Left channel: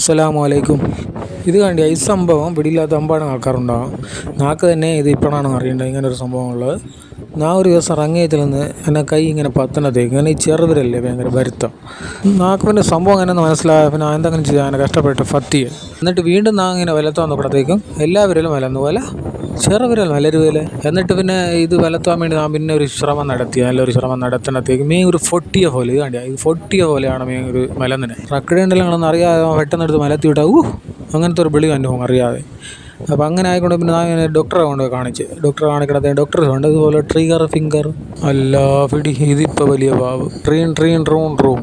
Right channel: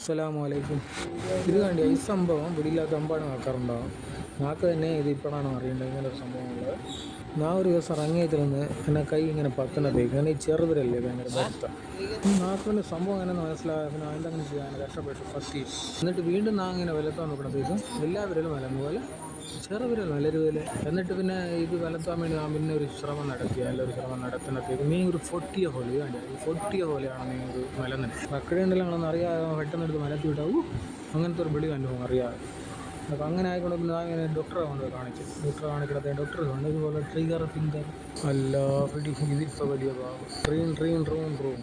അസ്സലാമലൈക്കും. ഇത് കണ്ടി ഈ സംഭവം പിടിയില്ലാത്ത അമ്പാടും ആൾക്കാരുണ്ടാകും. നാക്ക് തന്നെ ഇത് ഇപ്പോഴാണ് അറിയേണ്ടത് ഇങ്ങനെ ഒരു സംഭവം ഉള്ളത്. ഞാൻ ഒരു ദിവസം ഇറങ്ങിയതിൽ നിന്ന് എന്നെ കൈ ഇങ്ങനെ പത്തണത്തേക്ക് ഇങ്ങനെ ഈ ചെറുവിരല്ലേ ഭയങ്കര വരുത്തം. നാക്കിൻ്റെ സംഭവം എങ്ങനെയെന്ന് മനസ്സിലായ പിന്നെ എന്തെങ്കിലും ചെയ്യാൻ അങ്ങനെ കഷ്ടപ്പെട്ട് ഫത്തിയ എന്നിട്ട് വീണ്ടും നാ ഇങ്ങനെ വലത്താൻ നോക്കണത്തേക്കും എല്ലാവരിലും വലന്നു പോലെ ചെറുവിരൽ വലരുവില്. എന്നിട്ട് പിന്നെ ഇത് വലത്താൻ വേണ്ടി ഞാൻ പിന്നെ ഒരു ശ്രമം നടത്തി. നല്ലൊരു ശ്രമം നടത്തുന്നത്തേക്ക് മീൻ ഒരു പൊട്ടിയ പോലെ ഇത് കണ്ടിയ ഇത് പൊട്ടിയ പോലെയാണ് മീൻ ഒരു മലന്നിനെ റക്കടേണ്ടല്ലെന്ന് അറിയാതെ പെട്ടെന്ന് എടുത്ത് മലത്തി വിട്ടാൽ അങ്ങനത്തെ ഒരു വിളി അനുഭവം അറിയാതെ. അപ്പോൾ അങ്ങനെ ആയിക്കൊണ്ട് പിന്നെ ഞാൻ ഡോക്ടറെ കൊണ്ട് ഡോക്ടറെ കാണിക്കണത്തേ ഡോക്ടർ ഉണ്ട് ഇതുപോലെ ട്രിഗർ ഫിംഗർ അല്ല പിടി ഇതിപ്പോൾ വലിയ പാവ് ട്രീൻ റൂം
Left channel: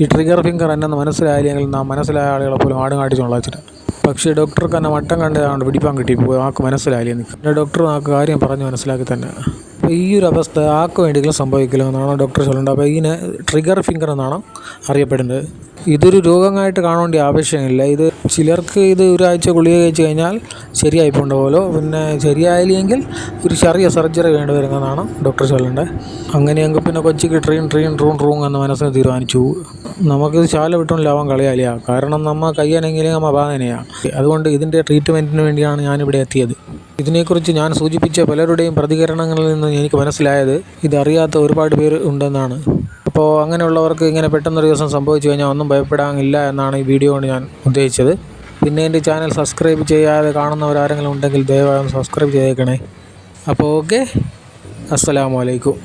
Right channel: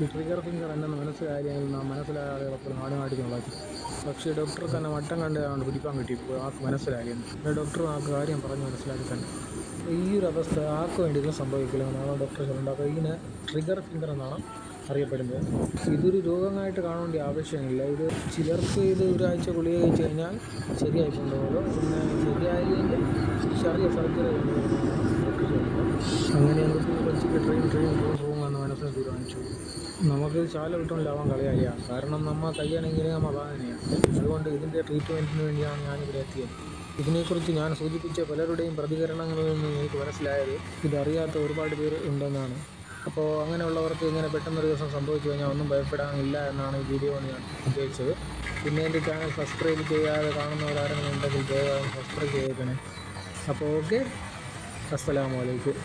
ഈ ട്രിഗർ ഫിംഗർ എന്നെന്ന് മനസ്സിലായില്ലെങ്കിൽ നാം മനസ്സിലായ ആളുകളെ പോലും ആടും കാട്ടിച്ചുള്ള വെച്ചിട്ട്. പക്ഷേ ഡോക്ടർക്ക് എന്നെ മട്ടം കണ്ടതുകൊണ്ട് പിടിപ്പാൻ കിട്ടിപ്പോയി. ആൾക്ക് മനസ്സിലായില്ലേ നിൽക്കും. പിന്നെ ഡോക്ടർ ആൾക്ക് കാര്യം പറഞ്ഞ് മനസ്സിലാക്കി തന്നെ. അപ്പോൾ ഈ ഒരു അവസ്ഥ ആർക്ക് വേണ്ടിയെങ്കിലും സംഭവിക്കില്ല എന്നാണ് ഡോക്ടർ ചൊല്ലേണ്ടത്. അപ്പോൾ ഇതിനെ ട്രിഗർ ഫിംഗർ എന്നാണ് അറിയപ്പെടുന്നത്. ഇതൊരു രോഗമായിട്ട് കാണേണ്ട ആവശ്യമില്ല. ഇത് ചിലർക്ക് ഇത് ഒരാഴ്ച ഗുളിക കഴിച്ച് കഴിഞ്ഞാൽ ശരിയായി പോകേണ്ട പോലെ, പിന്നെ ശരിയായില്ലെങ്കിൽ ഒരു ചെറിയ സർജറി വേണ്ടി വരുന്നതാണ് ഡോക്ടർ ചൊല്ലേണ്ടത്. അങ്ങനെയെങ്കിൽ പിന്നെ കൊച്ചിക്ക് ട്രീൻ റൂം എന്ന് മനസ്സിന് തീരുമാനിച്ചു. നമുക്കിത് ശാല വിട്ടുകൊണ്ടിലാവാൻ കളിയാലിയ, കാരണം നമ്മൾ കയ്യാനെങ്കിലും നമ്മൾ ബാധനയാണ്. അതുകൊണ്ട് ഇതിൻ്റെ ട്രീറ്റ്മെൻറ്റിന് വേണ്ടിയാണ് ഞാനിവിടെ എത്തിയത്. ഇതിനെക്കുറിച്ച് ഞാൻ സൂചിപ്പിച്ച പലരുടെയും പ്രതികരണങ്ങളിൽ നിന്ന് എനിക്ക് മനസ്സിലായത് ഇതറിയാത്ത ഒരുപാട് പേർ ഉണ്ടെന്നാണ്. അപ്പോൾ അങ്ങനെയുള്ളവർക്ക് ഇങ്ങനെ പെട്ടെന്നൊരു ദിവസം സംഭവിച്ചു കഴിഞ്ഞാൽ ഒന്നും ഭയപ്പെടാനില്ല എന്നാണ് ഈ വീഡിയോ കൊണ്ട് ഞാൻ ഉദ്ദേശിച്ചത്. പിന്നെ എൻ്റെ ചാനൽ സബ്സ്ക്രൈബ് ചെയ്യാതെ കാണുന്നവരാരെങ്കിലും ഉണ്ടെങ്കിൽ ദയവായി സബ്സ്ക്രൈബ് ചെയ്തേക്കണേ. അപ്പോൾ ഓക്കെ, അസ്സലാമു അലൈക്കും.